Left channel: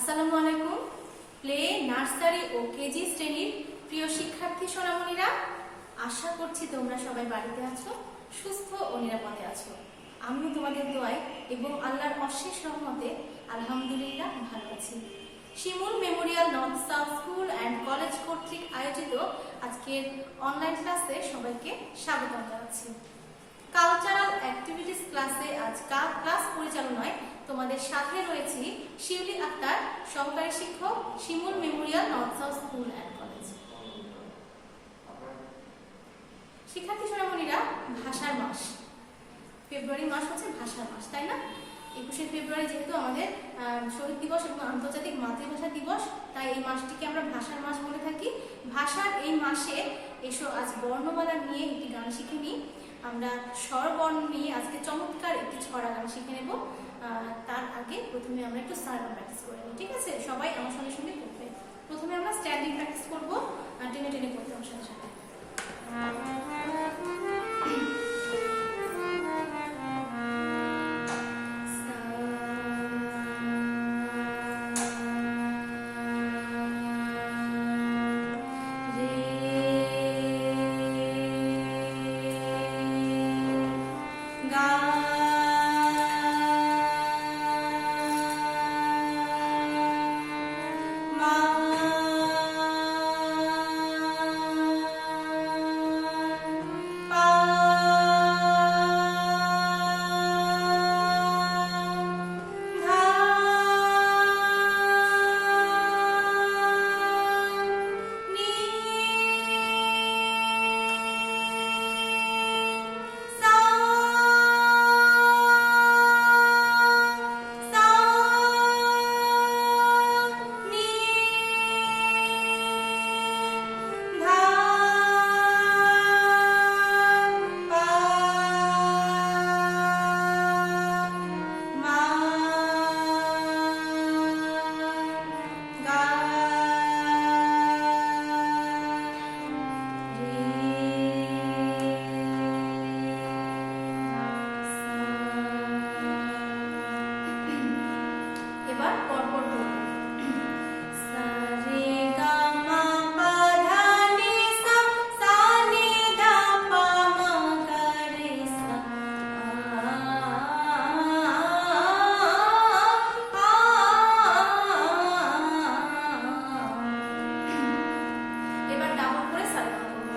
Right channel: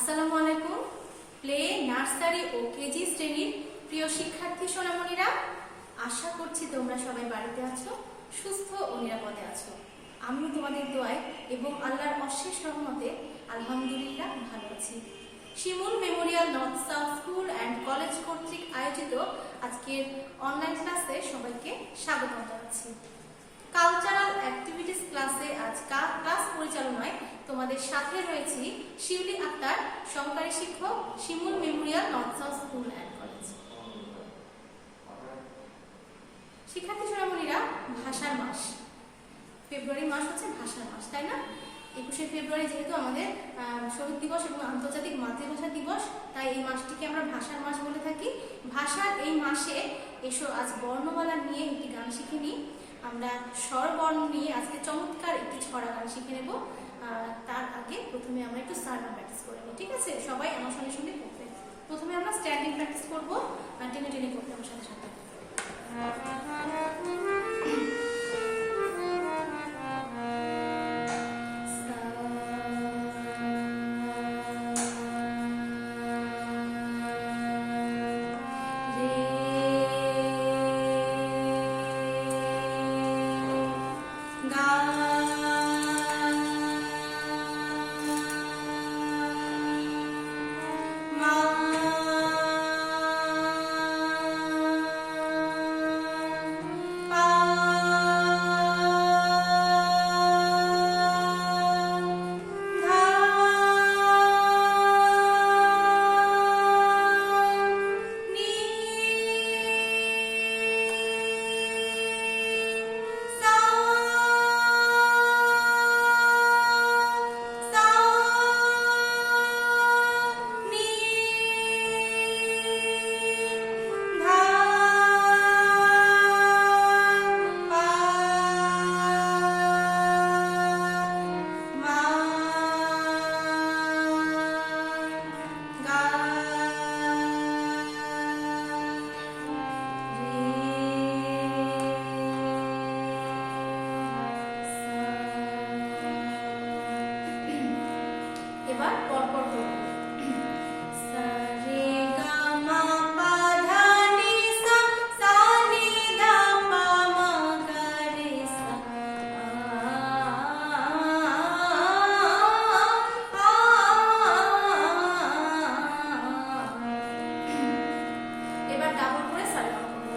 আসসালামু আলাইকুম। Play, nursery ও KG শ্রেণীর প্রিয় শিক্ষার্থী সোনামণিরা, আশা করছি তোমরা সবাই বাড়িতে আছো, সুস্থ ও নিরাপদে আছো। আমিও তোমাদের দোয়ায় এবং আল্লাহর অশেষ রহমতে আলহামদুলিল্লাহ ভালো আছি। Shimul memorial north south school and college কর্তৃক আয়োজিত আজকের অনলাইন ক্লাসে সবাইকে স্বাগতম জানাচ্ছি। কালচারাল অ্যাক্টিভিটিস ক্লাসে আজ ক্লাস পরিচালনায় তোমাদের সাথে রয়েছি শিউলি আক্তার, সহকারী শিক্ষক, Shimul memorial north south school and college. শিক্ষার্থী সোনামণিরা, ভাষার মাস, ফেব্রুয়ারি মাস হচ্ছে ভাষার মাস, তাই না? 21শে ফেব্রুয়ারি যেহেতু আমাদের শহীদ দিবস এবং আন্তর্জাতিক মাতৃভাষা দিবস, তাই এই মাসটিকে আমরা ভাষার মাস বলে থাকি। ভাষার এই মাসে এসো আজ বর্ণমালা নিয়ে একটি গান শিখে নিই। আমরা স্বরবর্ণ নিয়ে আজকে চমৎকার একটি ছড়া গান শিখে নেব। তার আগে প্রথমে আমরা একটু সারগাম প্র্যাকটিস করে নিই, ঠিক আছে? সবাই আমার সঙ্গে সঙ্গে করবে। প্রথমে আমরা স্ট্যান্ডিং প্র্যাকটিস করবো, টেনে টেনে করতে আমার সাথে সাথে। এবার পরপর করব। এবার ডাবল করে সারেগামা করব।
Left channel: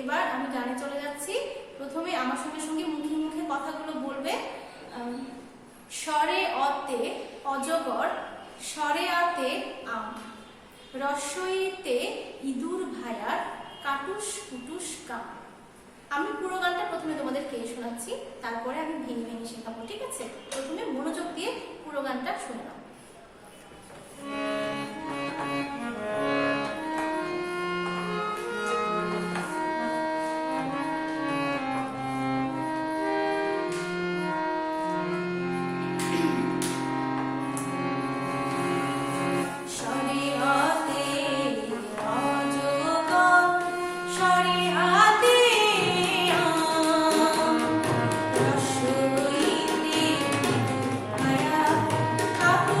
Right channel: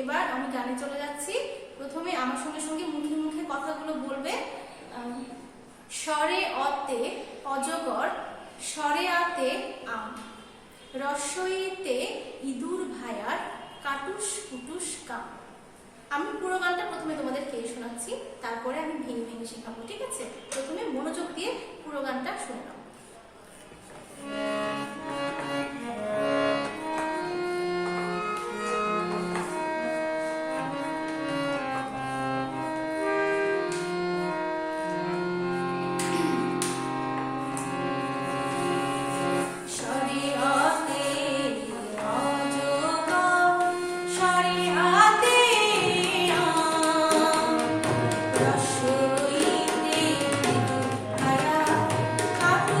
এবার আমি গানে চলে যাচ্ছি। প্রথমে আমার সঙ্গে সঙ্গে মুখে মুখে কথাগুলো বলবে। স্বরে অতে অজগর, স্বরে আতে আম, রস্বইতে ইঁদুর ভায়ার, কাটুস কুটুস কাম। আমি পুরো গানটা প্রথমে তোমাদের কে শোনাচ্ছি, তারপরে আমি ভেঙে ভেঙে শেখাবো, ঠিক আছে? প্রথমে মনোযোগ দিয়ে পুরো গানটা শুনে নাও। কাটু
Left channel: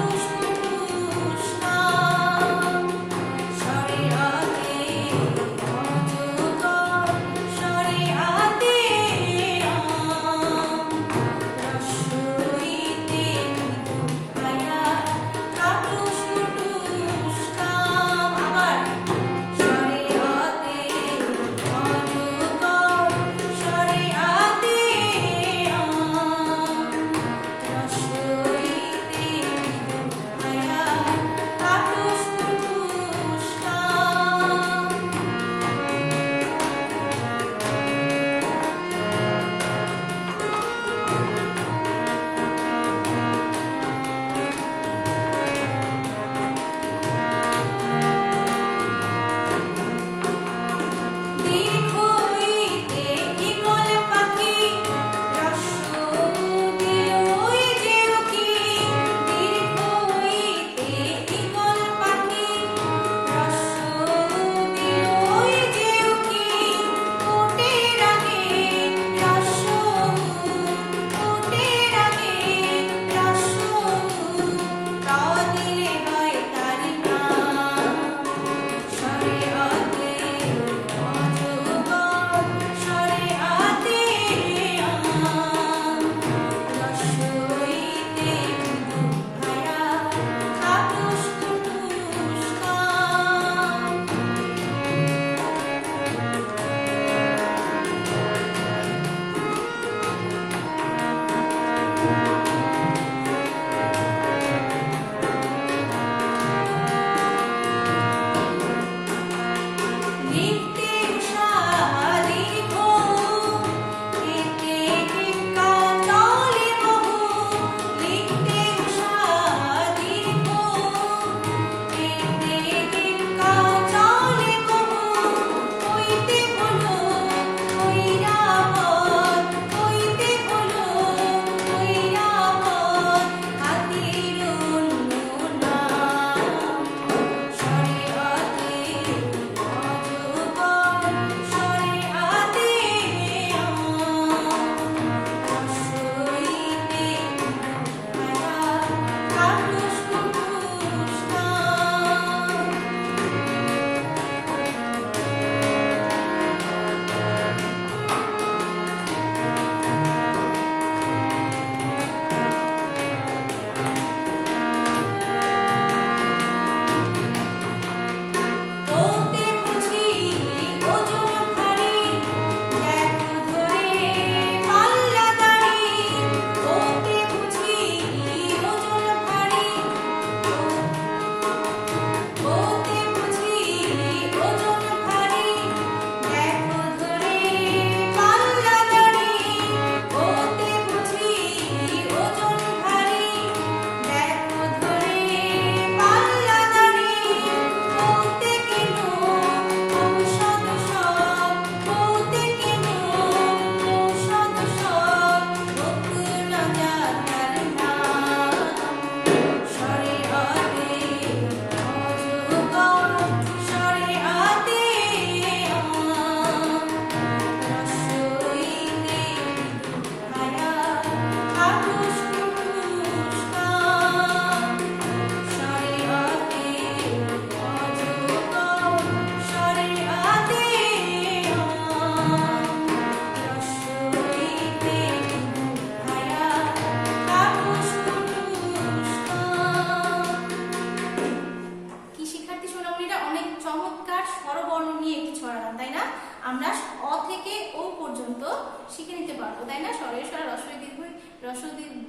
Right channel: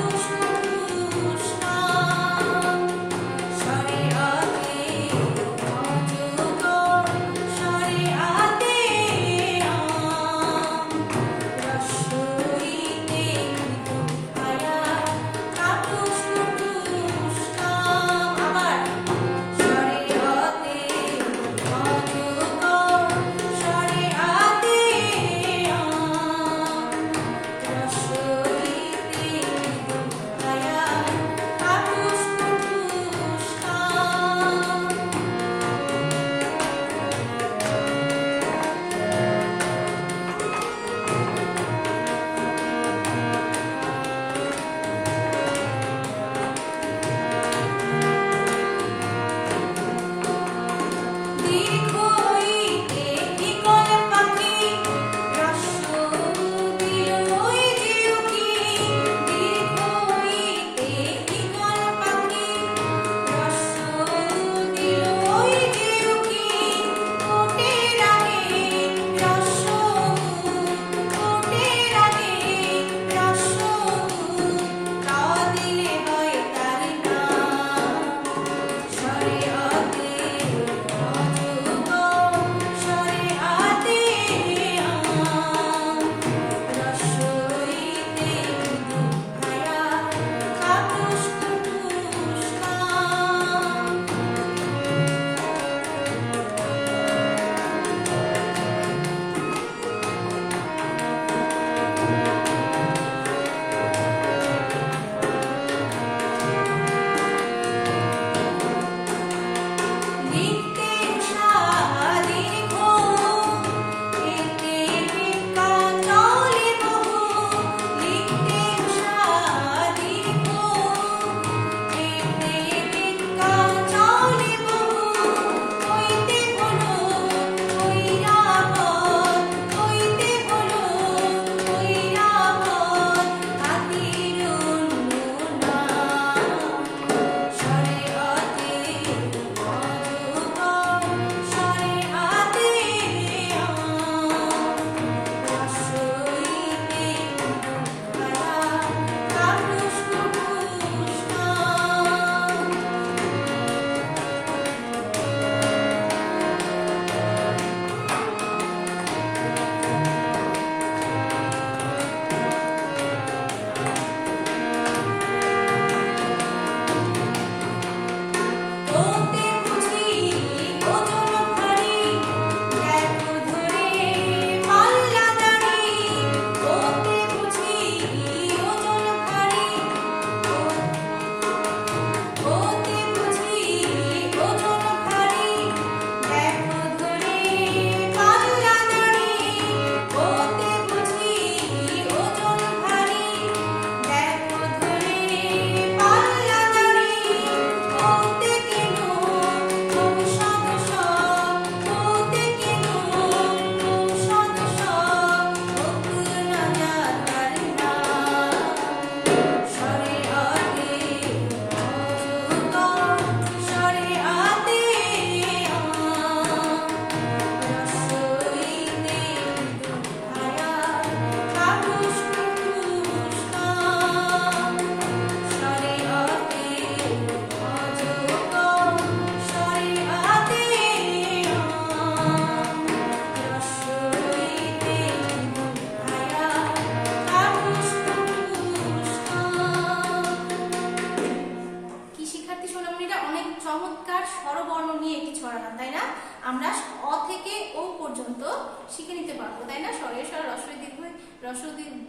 শিখে নিতে পারবো, তাই না? স্বরের স্বর রস্বই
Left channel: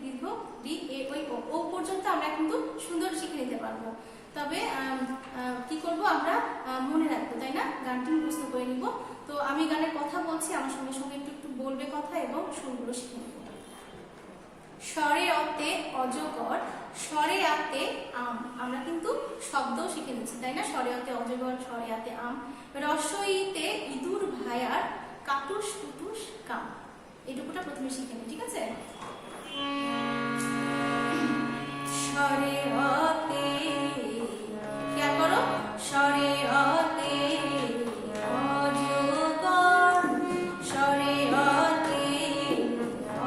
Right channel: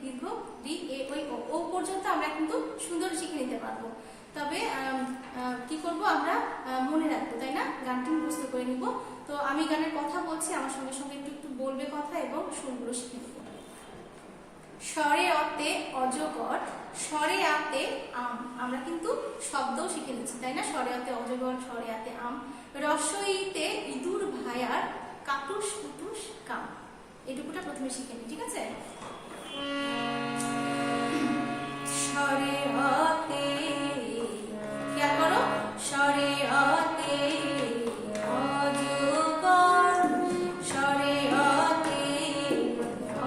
দীর্ঘ রি এ ওই ও পর্যন্ত আমরা কিন্তু সুন্দর শিখে নিতে পারবো। তবে কি করব, আমরা মনে রাখবো, তাই না? গানটি মুখস্থ করে নিব। তো আমি গানের কথা বলছি, আমার সঙ্গে সঙ্গে একটু একটু বলবে কথা এবং সুরগুলো শিখে নেব। স্বরে অতে অজগর, স্বরে আতে আম। আমরা কিন্তু শব্দও শিখে নিচ্ছি, তাই না? স্বরে অতে অজগর, স্বরে আতে আম। রস্বইতে ইঁদুর ভায়ার, কাটুস কুটুস কাম। এটুকুটা প্রথমে শিখে নিই, ঠিক আছে? স্বরে অতে, খেয়াল করো, স্বরে অতে অজগর, স্বরে অতে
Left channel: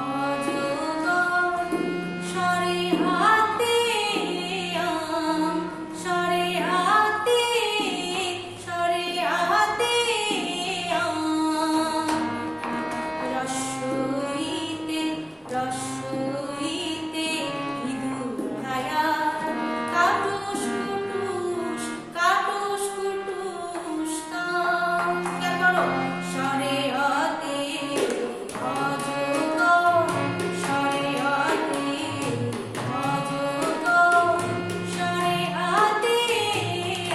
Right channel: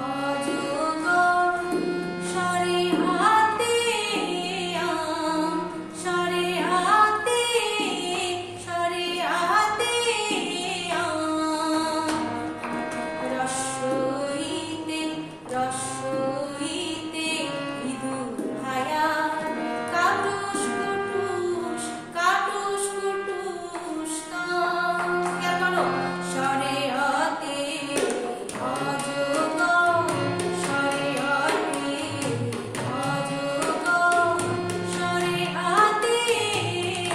অজগর, স্বরে হাতে আম, স্বরে হাতে আম। রস্বইতে ইঁদুর ভায়া, কাটুস কুটুস কাম। খেয়াল করো, স্বরে অতে অজগর, স্বরে অতে অজগর, স্বরে হাতে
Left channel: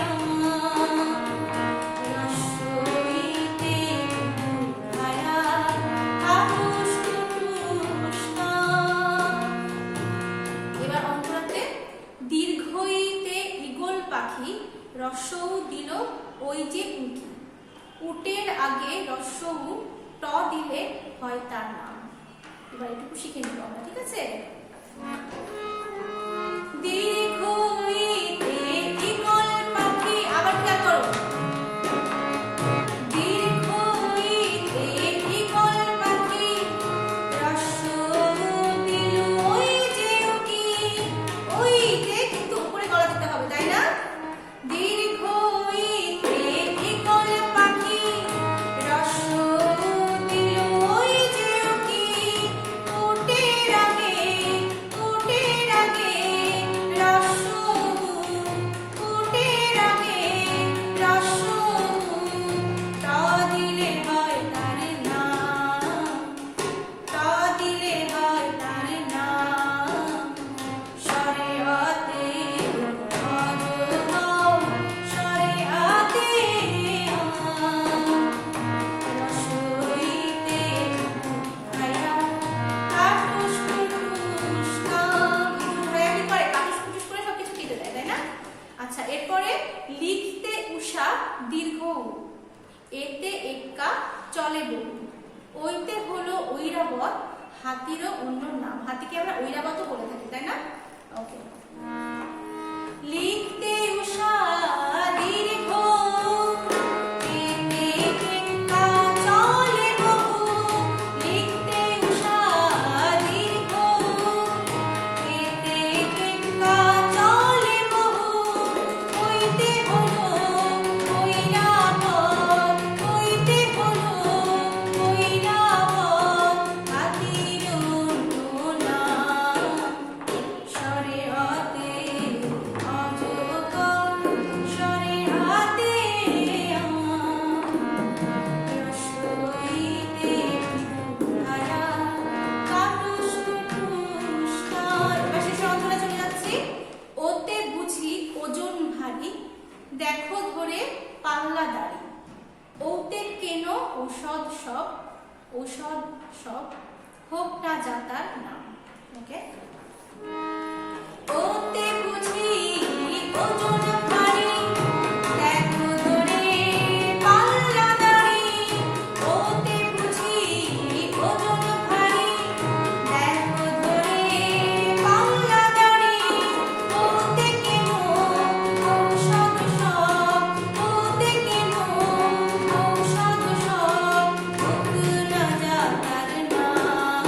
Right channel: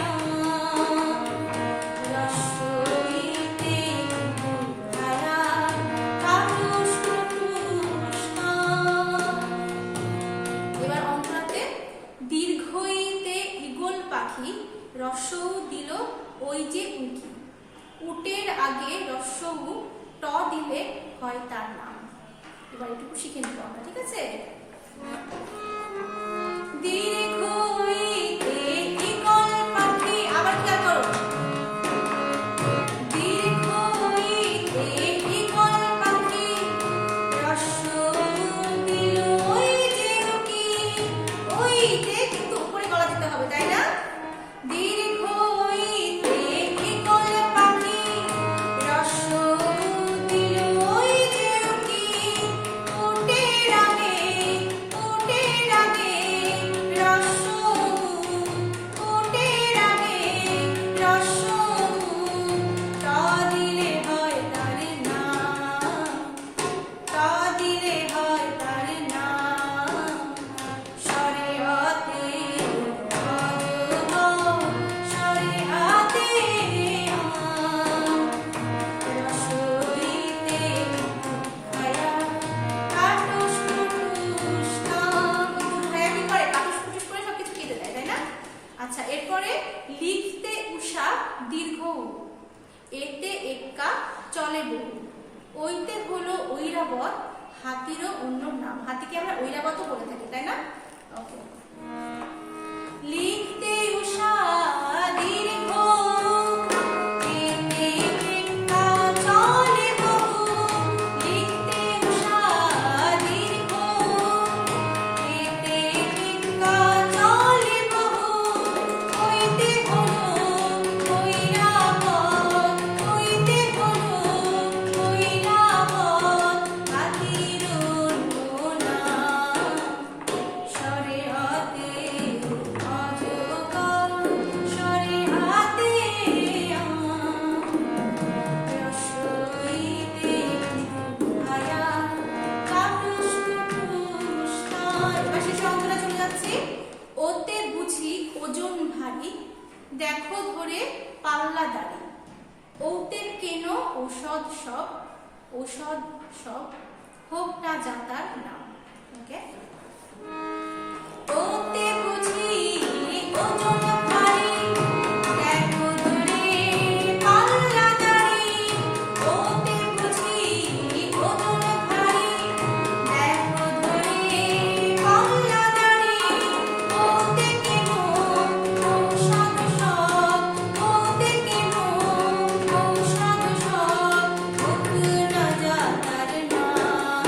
আম। রস্বইতে ইঁদুর ভায়া, কাটুস কুটুস কাম। এবার অন্তরাতে দীর্ঘইতে ঈগল পাখি, রস্বউ দিল ওই যে উঁকি। উটের আগে রস্বউ ট দিলে হয় তার নাম। এবার এটুকু শিখে নিব আমরা, ঠিক আছে? দীর্ঘইতে ঈগল পাখি, আবার খেয়াল করো, দীর্ঘইতে ঈগল পাখি, রস্বউ দিল ওই যে উঁকি। ওই যে কিন্তু উপরে গলা দিতে হবে, তাই না? দীর্ঘইতে ঈগল পাখি, রস্বউ দিল ওই যে উঁকি। উটের আগে রস্বউ, উটের আগে রস্বউ ট দিলে হয় তার নাম, ট দিলে হয় তার নাম। স্বরে অতে অজগর, স্বরে হাতে আম। রস্বইতে ভায়া, কাটুস কুটুস কাম। ইঁদুর ভায়া কি করে? কাটুস কুটুস করে সবকিছু কেটে দেয়, তাই না? আচ্ছা, এরপরে লিখতে উষা দীর্ঘ উ, এতে এক্কা চলে বহু। ওইতে হলো ঐরাবত, হাতিরও অন্য নাম। হাতিকে আমরা ঐরাবতও বলে থাকি, তাই না? ওকে। লিখতে উষা দীর্ঘ উ, এতে এক্কা চলে বহু। লিখতে উষা দীর্ঘ উ, এতে এক্কা চলে বহু। ওইতে হলো ঐরাবত, ওইতে হলো ঐরাবত, হাতির অন্য নাম। স্বরে অতে অজগর, স্বরে হাতে আম। রস্বইতে ভায়া, কাটুস কুটুস কাম। এবার শেষে অন্তরা চলে যাচ্ছি। ওতে বুঝি ওজন ভারী, দেখো ধরে পাল্লা দাড়ি। ওতে কেন ঔষধ সব, হোক না যাতার নাম। ওকে। ওতে বুঝি ওজন ভারী, দেখো ধরে পাল্লা দাড়ি। ওতে বুঝি ওজন ভারী, দেখো ধরে পাল্লা দাড়ি। ওতে কেন ঔষধ সব, ওতে কেন ঔষধ সব, হোক না যাতার নাম।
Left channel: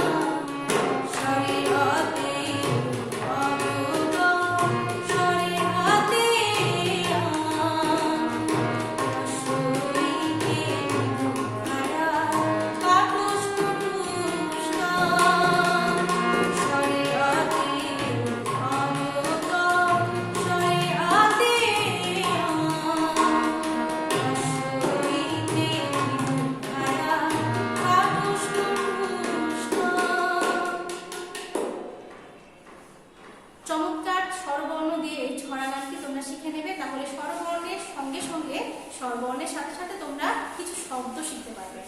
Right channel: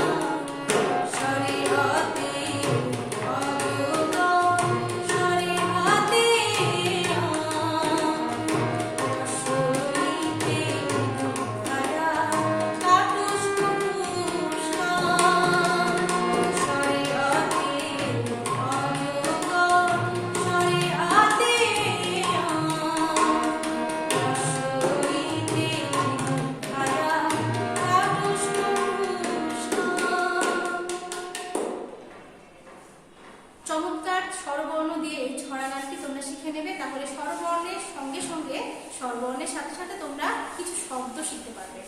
ধরা গানটি তোমরা শিখে নেবে, তাহলে স্বরবর্ণের সঙ্গে সঙ্গে স্বরবর্ণের সাথে সাথে তোমরা কিছু শব্দ শিখতে পারবে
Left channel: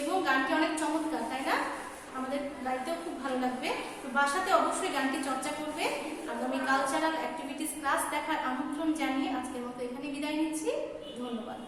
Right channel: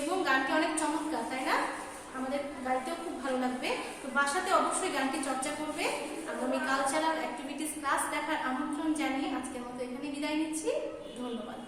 এবং গানটি অনেক চমৎকার, তাই না? আমাদের গাইতেও খুব ভালো লাগবে। তো বাসাতে অবশ্যই গানটি চর্চা করবে। আগামী কালচারাল অ্যাক্টিভিটিস ক্লাস দেখার আমন্ত্রণ জানিয়ে আজকের মতো এখানে বিদায় নিচ্ছি। ধন্যবাদ।